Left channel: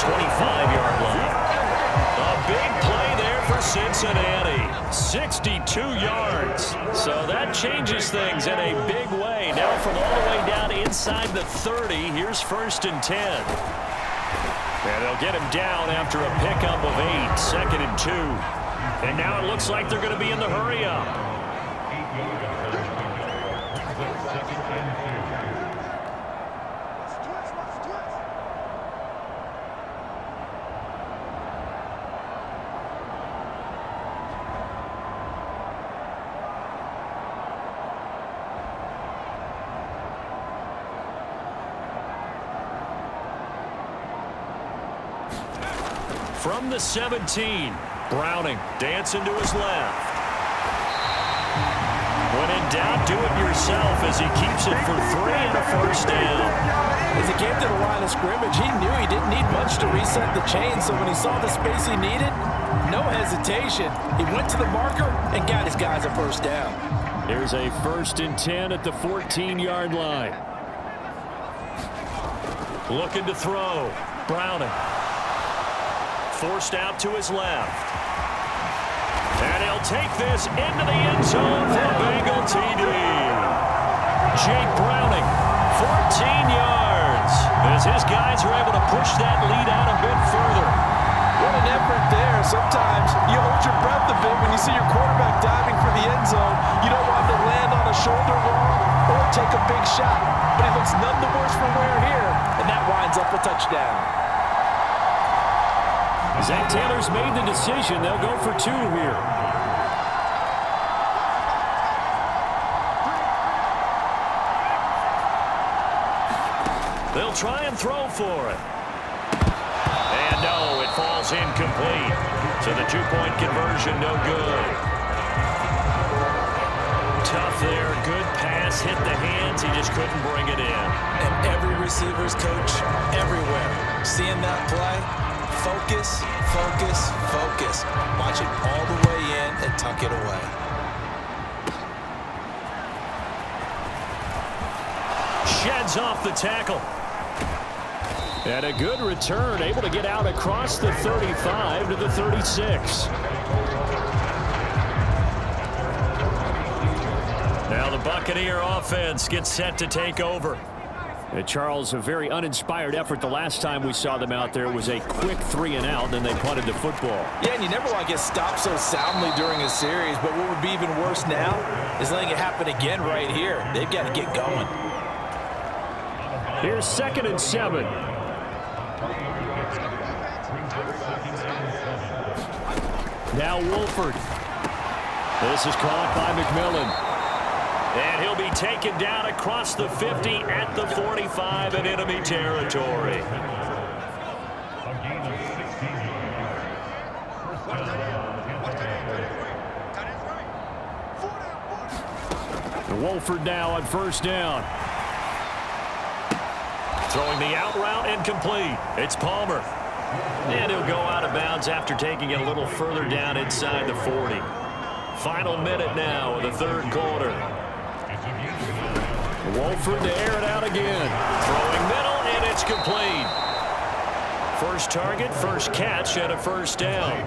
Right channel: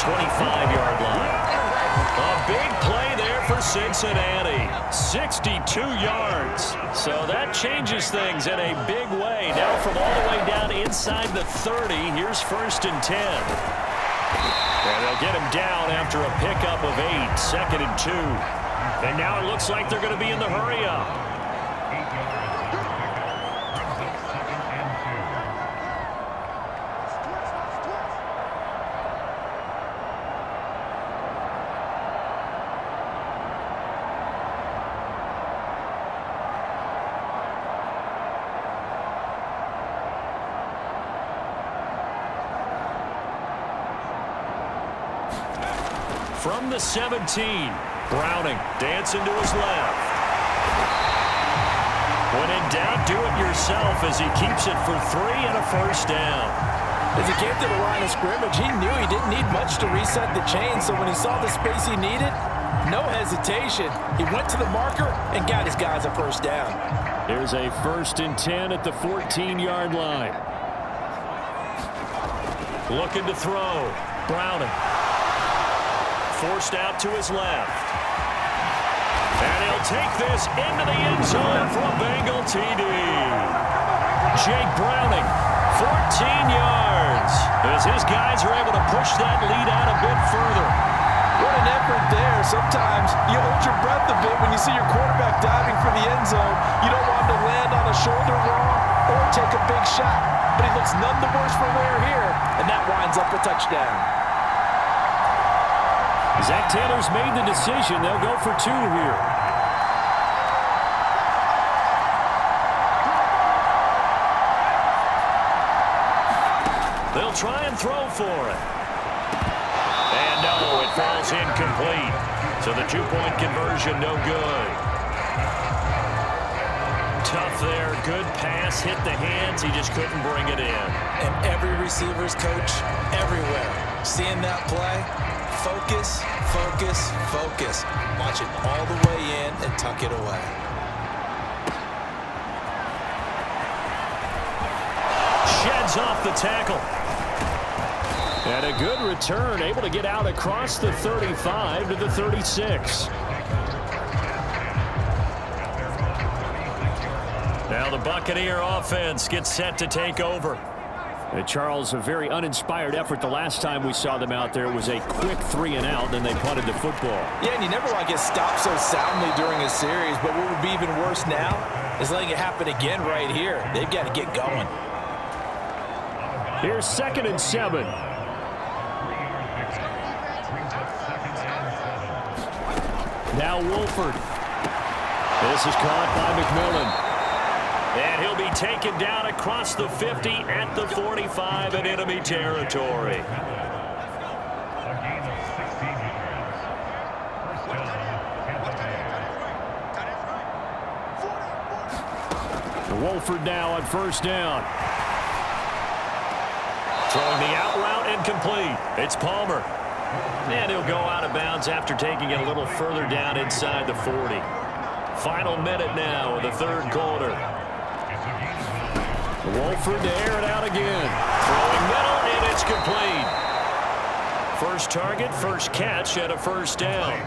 25-yard line. A big play there for Cincinnati. 62 yards. So that changes things in a big way. Now from all the way down inside the 30, here's 1st and 10. And they'll get him down after a pickup of 8, 2nd and 2. And now it looks like they're going to be in the hurry-up. From the 17, Browning dancing to his left. When in doubt, do it yourself as he keeps it for 3 and a 1st down. As he came to the line of scrimmage, he knew he didn't need much to reset the chain, so when he saw the space he needed, no hesitation. He went to the marker and got his guys a 1st down. Here's a 1st and 10 at the 14-yard line. Looking to throw. Browning. Forced out to his left. And he'll take this into the end zone for a Bengal TD. Jake Browning, 14 yards, as his guys are able to push that lead out a bit further. What an effort there. Sometimes you hold your breath a bit when you see your quarterback diving for the end zone. You don't want him to land on a shoulder wrong or take a big shot. But he looks none the worse for wear here, and that winds up a touchdown. Zach Taylor's made the decision. They'll go for 2 here. They'll try and throw for it. And no, it falls incomplete. So the 2-point conversion no good. Tough there. Good pass. Hit the hands. He just couldn't bring it in. And every receiver's coach everywhere. Seeing that play, focus, focus, focus. Watch it all the way in and tuck it away. Sheds off the tackle. And a good return, able to get out across the 35 to the 36. Now the Buccaneer offense gets set to take over. Charles, a very uninspired effort the last time we saw them out there. Was a quick 3 and out, then they punted the football. Yeah, and you never want to get stopped so soundly during a series, but what would be even worse now is letting it happen again right here. They've got to get going. Here's 2nd and 7. Now Wolford. This is caught by McMillan. And he'll be taken down across the 50 at the 45 in enemy territory. Wolford now on 1st down. Throwing the out route incomplete. It's Palmer. And he'll go out of bounds after taking it a little further down inside the 40. Final minute now of the 3rd quarter. Wolford to air it out again. Throwing middle, and it's complete. First target, first catch, and a 1st down.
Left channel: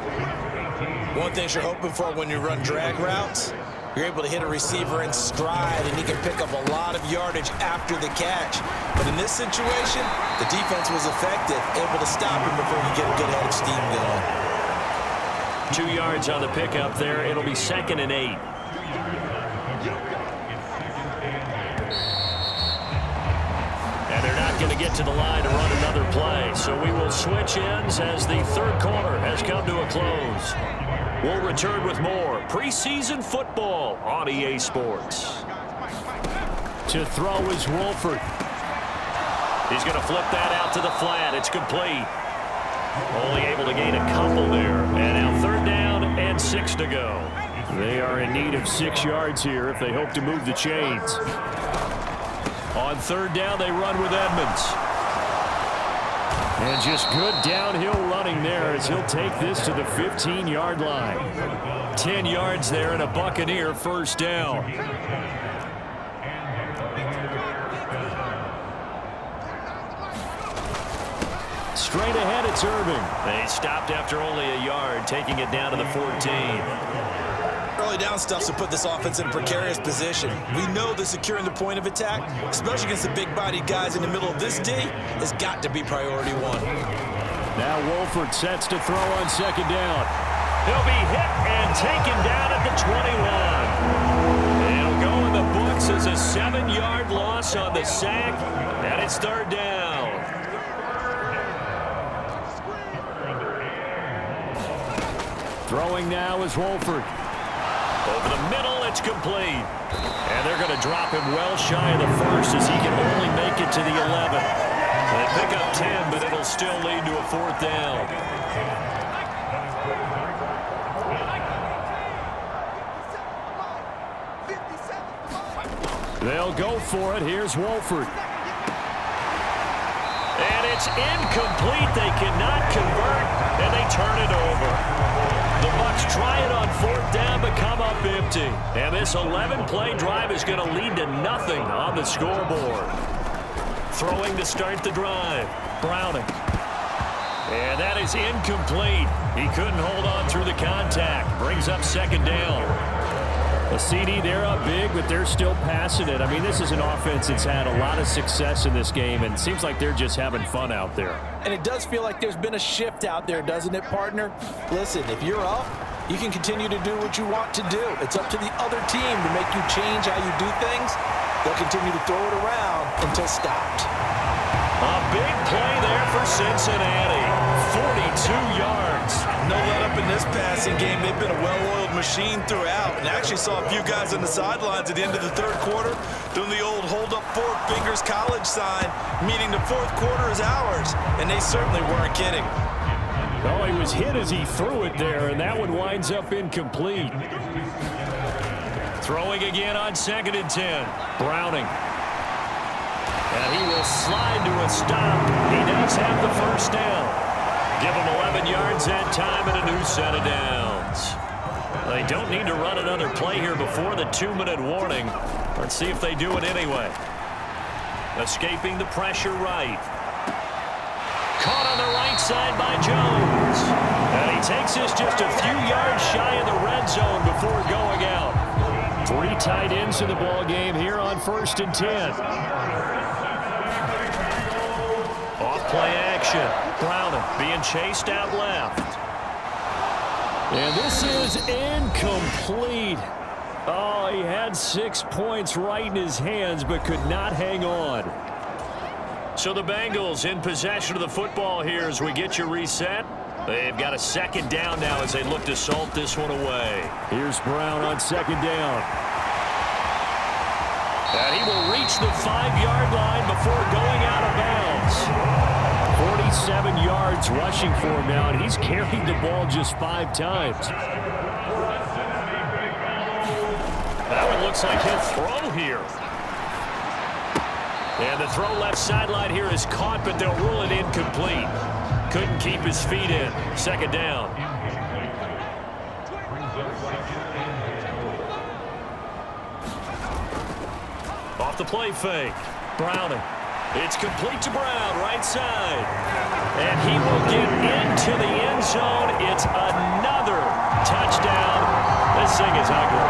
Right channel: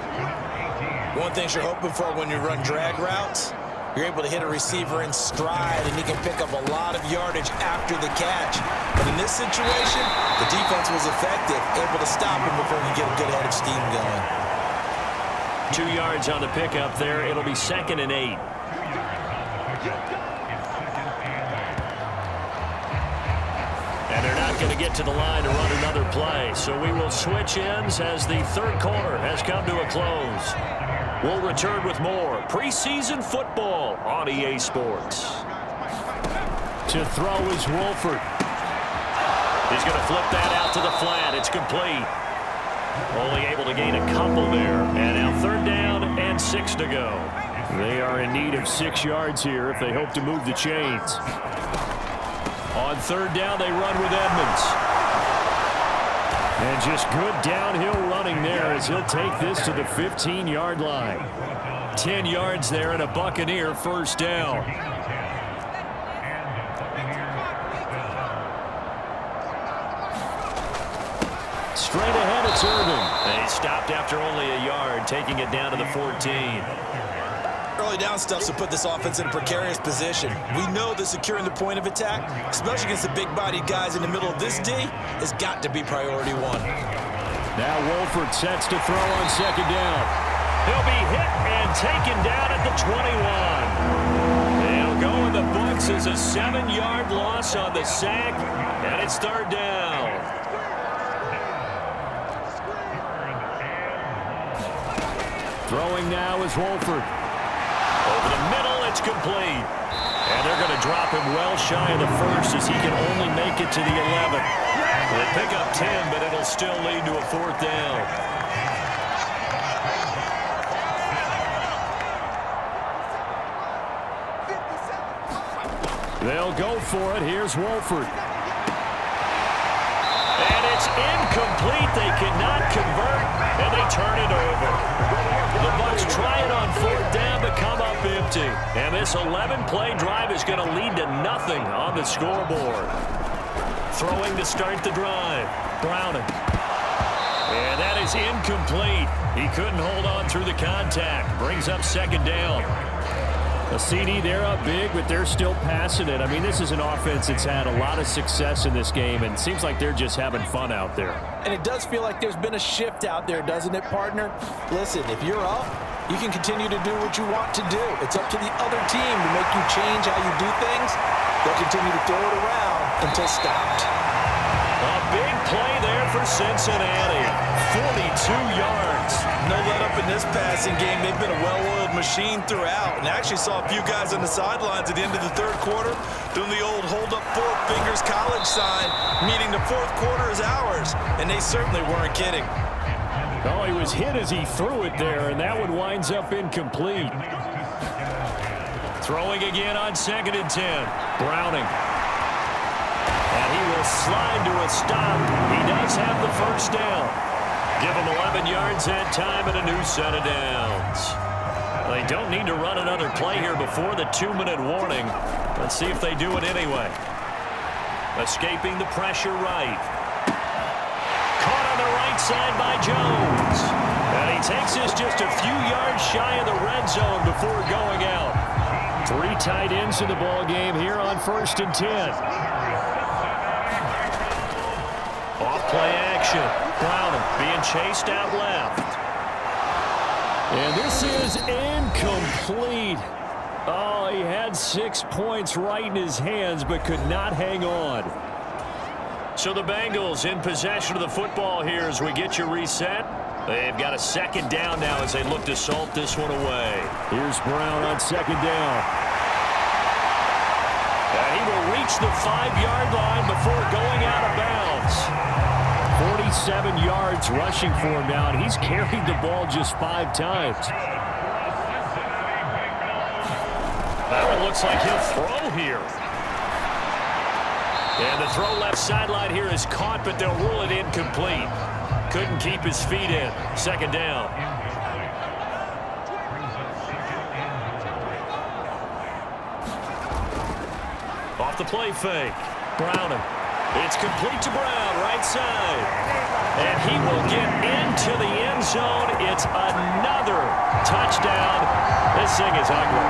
One thing you're hoping for when you run drag routes, you're able to hit a receiver in stride, and he can pick up a lot of yardage after the catch. But in this situation, the defense was effective, able to stop him before he get a good head of steam going. 2 yards on the pickup there. It'll be 2nd and 8. And they're not going to get to the line to run another play. So we will switch ends as the 3rd quarter has come to a close. We'll return with more preseason football on EA Sports. To throw is Wolford. He's going to flip that out to the flat. It's complete. Only able to gain a couple there. And now 3rd down and 6 to go. They are in need of 6 yards here if they hope to move the chains. On 3rd down, they run with Edmonds. And just good downhill running there as he'll take this to the 15-yard line. 10 yards there and a Buccaneer 1st down. straight ahead, it's Irving. They stopped after only a yard, taking it down to the 14. Early down stuffs to put this offense in a precarious position. We know that securing the point of attack, especially against the big-bodied guys in the middle of this D, has got to be priority one. Now Wolford sets to throw on second down. He'll be hit and taken down at the 21. It'll go in the books as a 7-yard loss on the sack, and it's third down. Throwing now is Wolford. Over the middle, it's complete. And they're going to drop him well shy of the first as he can only make it to the 11. They pick up 10, but it'll still lead to a fourth down. They'll go for it. Here's Wolford. And it's incomplete. They cannot convert, and they turn it over. The Bucs try it on fourth down, but come up empty. And this 11-play drive is going to lead to nothing on the scoreboard. Throwing to start the drive. Browning. And that is incomplete. He couldn't hold on through the contact. Brings up second down. A CD, they're up big, but they're still passing it. I mean, this is an offense that's had a lot of success in this game, and it seems like they're just having fun out there. And it does feel like there's been a shift out there, doesn't it, partner? Listen, if you're up, you can continue to do what you want to do. It's up to the other team to make you change how you do things. They'll continue to throw it around until stopped. A big play there for Cincinnati. 42 yards. No let up in this passing game. They've been a well-oiled machine throughout. And I actually saw a few guys on the sidelines at the end of the third quarter doing the old hold up 4 fingers college sign, meaning the fourth quarter is ours. And they certainly weren't kidding. Oh, he was hit as he threw it there, and that one winds up incomplete. Throwing again on 2nd and 10. Browning. And he will slide to a stop. He does have the first down. Give him 11 yards that time and a new set of downs. They don't need to run another play here before the 2-minute warning. Let's see if they do it anyway. Escaping the pressure right. Caught on the right side by Jones. And he takes this just a few yards shy of the red zone before going out. 3 tight ends in the ball game here on 1st and 10. Off-play action. Browning being chased out left. And this is incomplete. Oh, he had 6 points right in his hands, but could not hang on. So the Bengals in possession of the football here as we get you reset. They've got a second down now as they look to salt this one away. Here's Brown on second down. And he will reach the 5-yard line before going out of bounds. 47 yards rushing for him now, and he's carried the ball just 5 times. That one looks like he'll throw here. And the throw left sideline here is caught, but they'll rule it incomplete. Couldn't keep his feet in. Second down. Off the play fake. Browning. It's complete to Brown, right side. And he will get into the end zone. It's another touchdown. This thing is ugly.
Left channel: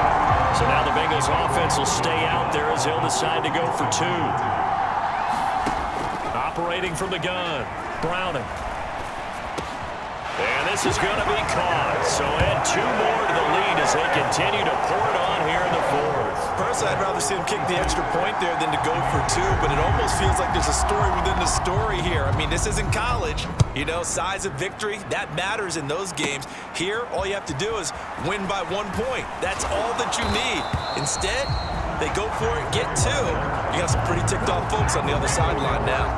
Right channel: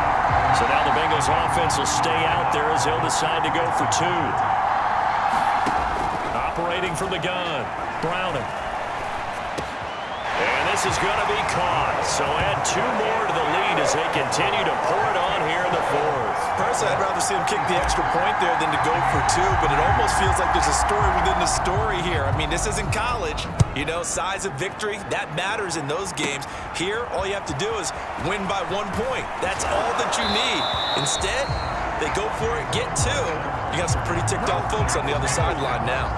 So now the Bengals offense will stay out there as they'll decide to go for 2. Operating from the gun. Browning. And this is going to be caught. So add 2 more to the lead as they continue to pour it on here in the 4th. Personally, I'd rather see him kick the extra point there than to go for 2, but it almost feels like there's a story within the story here. I mean, this isn't college. You know, size of victory, that matters in those games. Here, all you have to do is win by 1 point. That's all that you need. Instead, they go for it, get 2. You got some pretty ticked off folks on the other sideline now.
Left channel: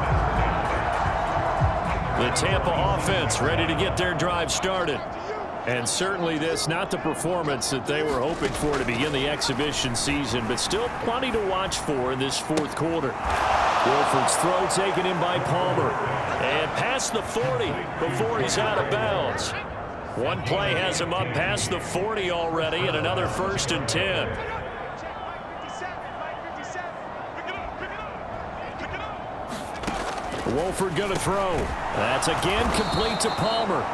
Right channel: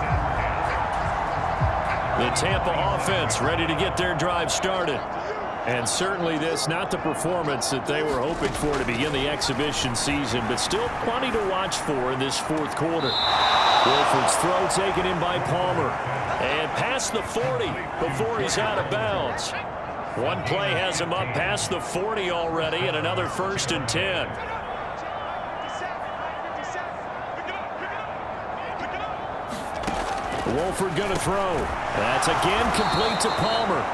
The Tampa offense ready to get their drive started. And certainly this, not the performance that they were hoping for to begin the exhibition season, but still plenty to watch for in this 4th quarter. Wolford's throw taken in by Palmer. And past the 40 before he's out of bounds. One play has him up past the 40 already, and another 1st and 10. Wolford going to throw. That's again complete to Palmer.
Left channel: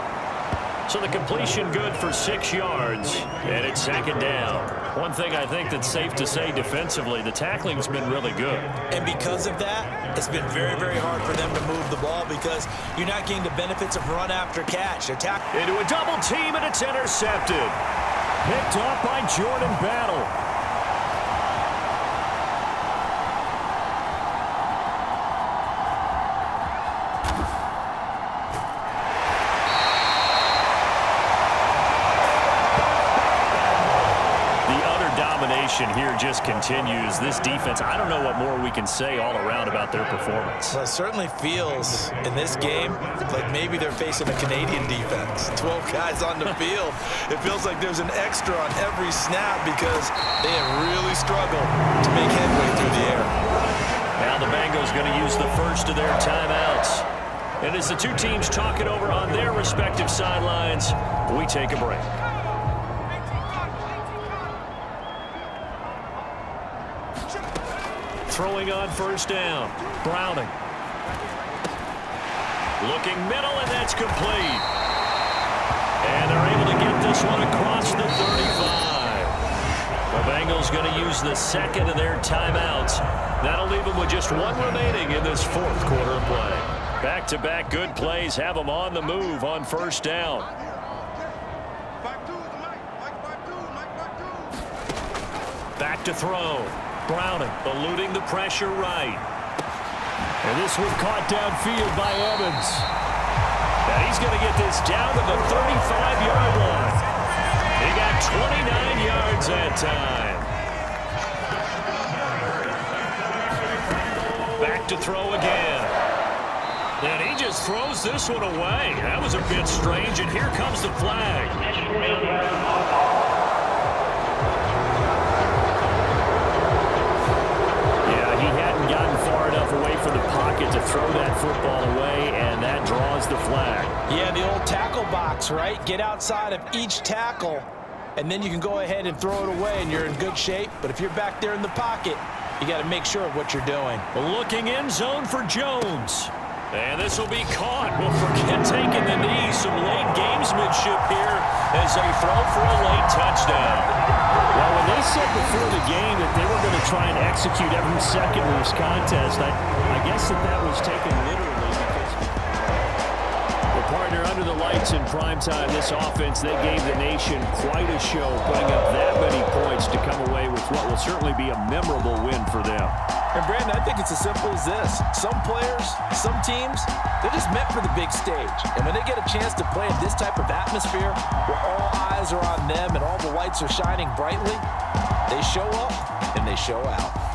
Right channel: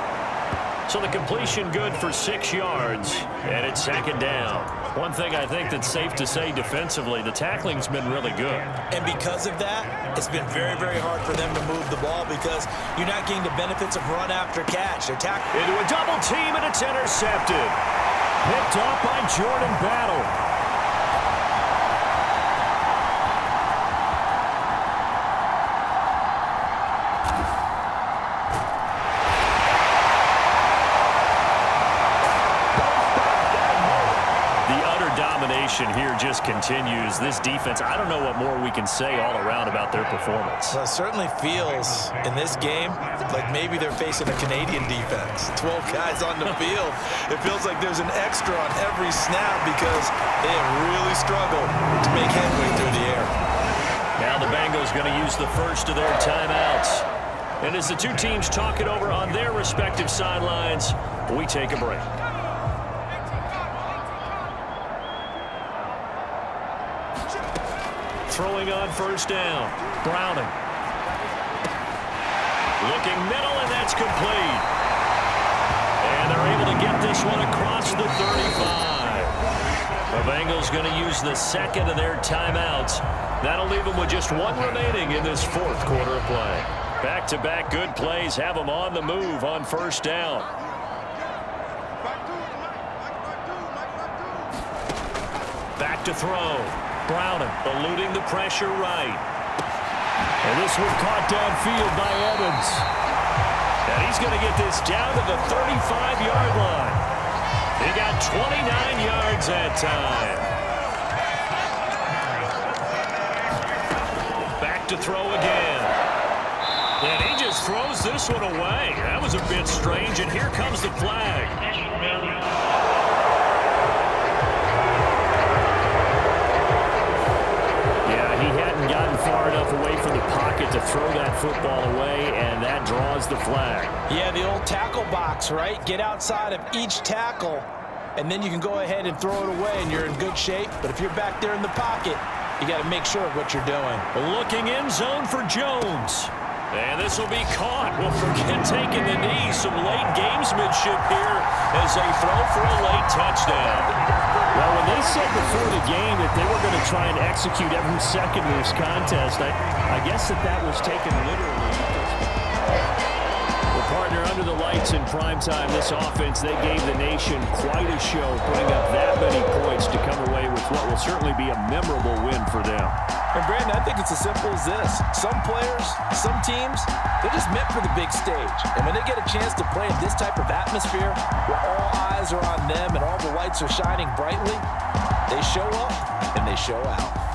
So the completion good for 6 yards, and it's 2nd down. One thing I think that's safe to say defensively, the tackling's been really good. And because of that, it's been very, very hard for them to move the ball because you're not getting the benefits of run after catch. Into a double team, and it's intercepted. Picked off by Jordan Battle. Domination here just continues. This defense, I don't know what more we can say all around about their performance. Well, it certainly feels in this game like maybe they're facing a Canadian defense. 12 guys on the field. It feels like there's an extra on every snap because they have really struggled to make headway through the air. Now the Bengals going to use the first of their timeouts. And as the two teams talk it over on their respective sidelines, we take a break. Throwing on 1st down. Browning. Looking middle, and that's complete. And they're able to get this one across the 35. The Bengals going to use the 2nd of their timeouts. That'll leave them with just 1 remaining in this 4th quarter of play. Back-to-back good plays have them on the move on 1st down. Back to throw. Browning eluding the pressure right. And this one caught downfield by Evans. And he's going to get this down to the 35-yard line. He got 29 yards that time. Back to throw again. And he just throws this one away. That was a bit strange, and here comes the flag. He hadn't gotten far enough away from the pocket to throw that football away, and that draws the flag. Yeah, the old tackle box, right? Get outside of each tackle, and then you can go ahead and throw it away, and you're in good shape. But if you're back there in the pocket, you got to make sure of what you're doing. Looking in zone for Jones. And this will be caught. Well, forget taking the knee. Some late gamesmanship here as they throw for a late touchdown. Well, when they said before the game that they were going to try and execute every second of this contest, I guess that was taken literally because... Well, partner, under the lights in primetime, this offense, they gave the nation quite a show, putting up that many points to come away with what will certainly be a memorable win for them. And, Brandon, I think it's as simple as this. Some players, some teams, they're just meant for the big stage. And when they get a chance to play in this type of atmosphere where all eyes are on them and all the lights are shining brightly, they show up and they show out.